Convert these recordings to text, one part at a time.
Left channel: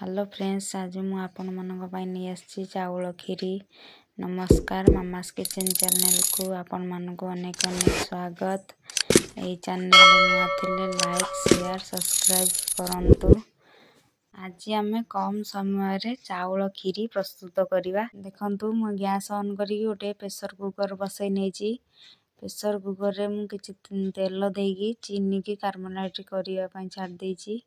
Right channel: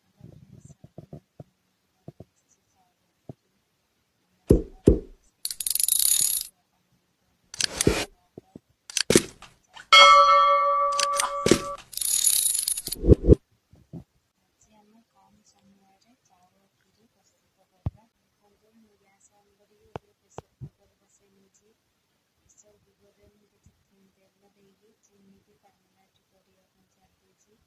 Hello friends, आज मु आपण मानक पई नहीं आछि चावल खीरी। नमस्कार, मामास किचन चैनल को आपण मानक अनेक अनेक स्वागत। ए चैनल नुआ थिले लाइक शेयर सब्सक्राइब करंतु। आज आमे कम समय रे चावल खीरी प्रस्तुत करिवा। देखंतु मु गैस ऑन करी ओटे प्रेशर कुकर बसै नै छी। प्रेशर कुकर रे मु किछि तेल देगी चीनी की कार्बोनेट करिया पई छाड़ देई छी।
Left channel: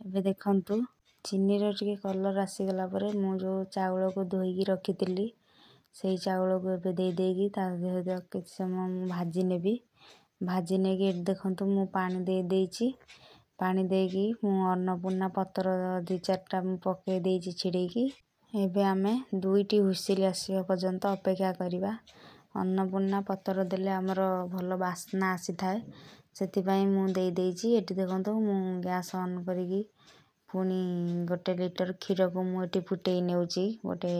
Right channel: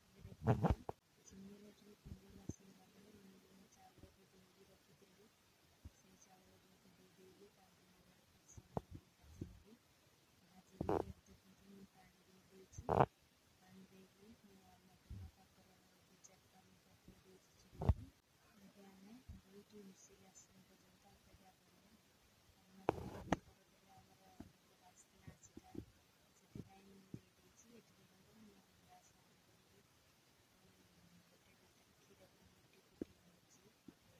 एबे देखंतु चीनी रो टिके कलर आसी गला परे मु जो चावल को धोई रखी थिली सेई चावल को एबे दे देगी ता किछि समय भाजी नेबी। भाजी नेगी देखंतु मु पानी दे देइची। पानी देगी मु अन्नपूर्णा पत्र दि चारटा मु पके देइची छिड़ेकी। एबे आमे दुईटी हुइसिल आसीबा पर्यंत अपेक्षा करिवा। अन्नपूर्णा पत्र देले हमर भलो वासना आसी थाए, सेति पई मु दे देइची। एटी देखंतु मु गैस ऑन करिकी पुनी 1 लीटर क्षीर को मु एटी फुटेई नेउची गोटे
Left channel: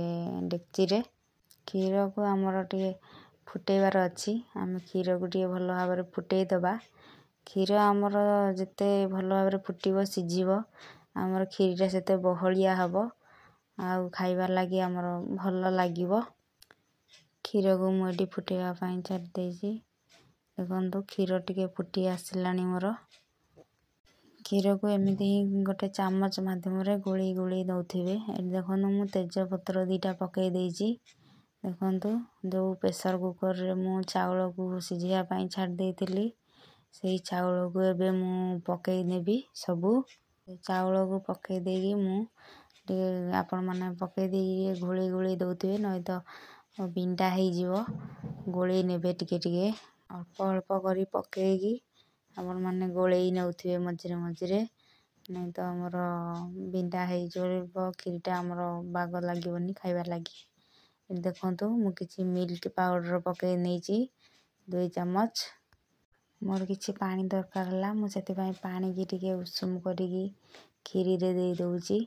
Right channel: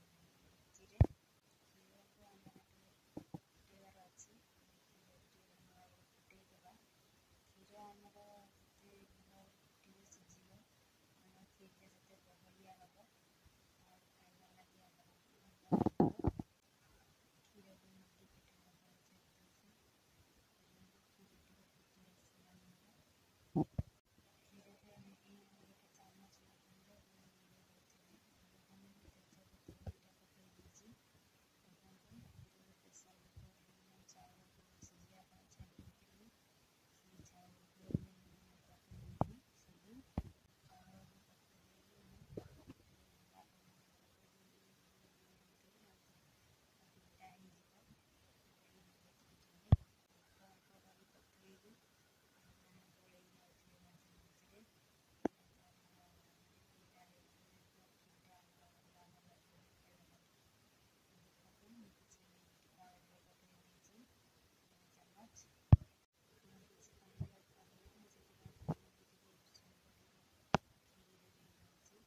डेक्ची रे। क्षीर को हमर टिके फुटेइबार अछि। आमे क्षीर को टिके भलो भाबरे फुटेई दबा। क्षीर हमर जते भलो भाबरे फुटीबो सिझिबो हमर क्षीरटा सेते बहलिया हबो आ खाइबा लागि हमर भलो लागिबो। क्षीर को मु एटी फुटेइबा पई छाड़ देइची। देखंतु क्षीर टिके फुटी आसिलानी मोर। क्षीर को एमिति गोटे चामच माध्यम रे गोली गोली दउथिबे। ए देखंतु मु तेज पत्र दीटा पकेई देइची। देखंतु जो प्रेशर कुकर रे मु चावल को सिझिया पई छाड़ देइतिली सेई चावल को एबे मु पकेई नेबी सबु। चावल को पकेई देगी मु आपण माने पकेई देगी गोली गोली दउथिबे नै तो बिंडा हेई जिवो। गोली नेबे टिके टिके अल्प अल्प करी पकेगी आपण माने गोलेई नउथिबे मझिरे मझिरे नै तो हमर बिंडा हेई जोबो खीरटा हमर बाग लागिवनी खाइबा लागि। देखंतु मु किछि मिल्क पाउडर पकेई नेइची 2 चम्मच। मोर किछि पानी दरकार हला मु सेति पई पानी की टिके उषुम करिकी खीरी रे दे दउची।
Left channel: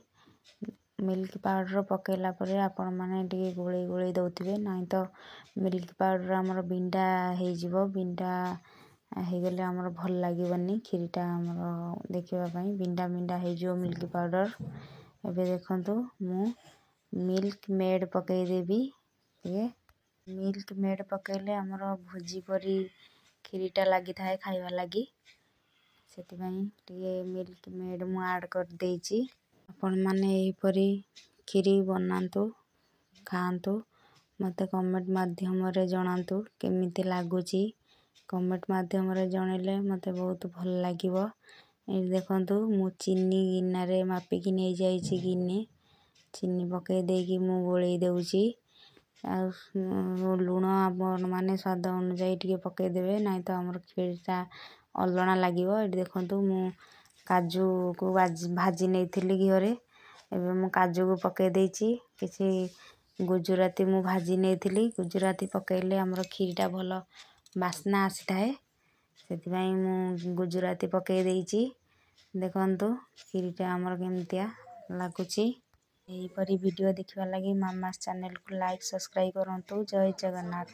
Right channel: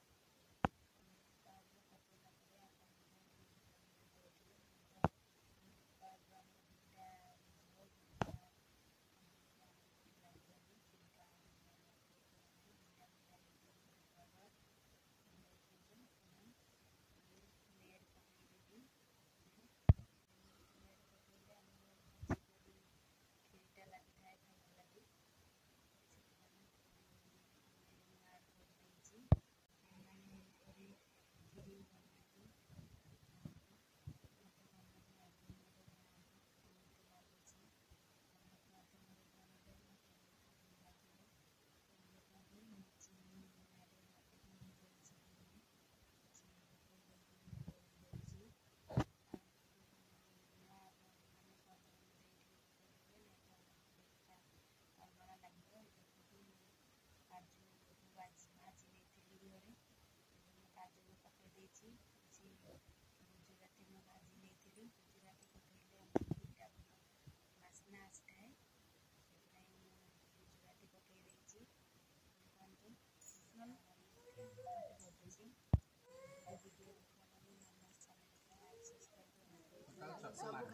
मिल्क पाउडर पकेला परे आपण माने टिके गोली गोली दउथिबे नै तो मिल्क पाउडर हमर बिंडा हेई जिवो। बिंडा हेई गेले हमर भल लागिवनी खीरटा हमर देखिबा पई बिंडा बिंडा हेई जो मिल्क पाउडर। एबे देखंतु मु मिल्क मेड पकेई देबी। ये मिल्क मेड पकेले हमर भुजी परी खीरीटा लागि थाए खाइबा लागि, सेति पई टिके मिल्क मेड मु ऐड कर देइची। आपण माने एही परी खीरी बनांतु खांतु। मते कमेंट माध्यम रे जणांतु केमिति लागुची। कमेंट माध्यम रे जणेले मते बहुत भल लागिवो। ए देखंतु मु चीनी गिन्ना रे मापी नै जाईची गिन्ने चीनी पकेई देगी मु गोळेई देउची। आ लूण आपण माने स्वाद अनुसार टिके पकेई देबे नै तो हमर खीरटा अलणा लागिवो। ए देखंतु मु काजू को भाजी नेइथिली घिओरे। एबे मु काजू को पकेई देइची। किछि गुजराती मु भाजी नेइथिली। गुजराती पकेइले हमर खीरटा भलो वासना आसी थाए, सेति पई मु गुजराती पकेई देइची। देखंतु खीरटा हमर केमतिया लागुची। एही परी वीडियो देखिबा लागि मामास चैनल को लाइक सब्सक्राइब करंतु। जय जगन्नाथ।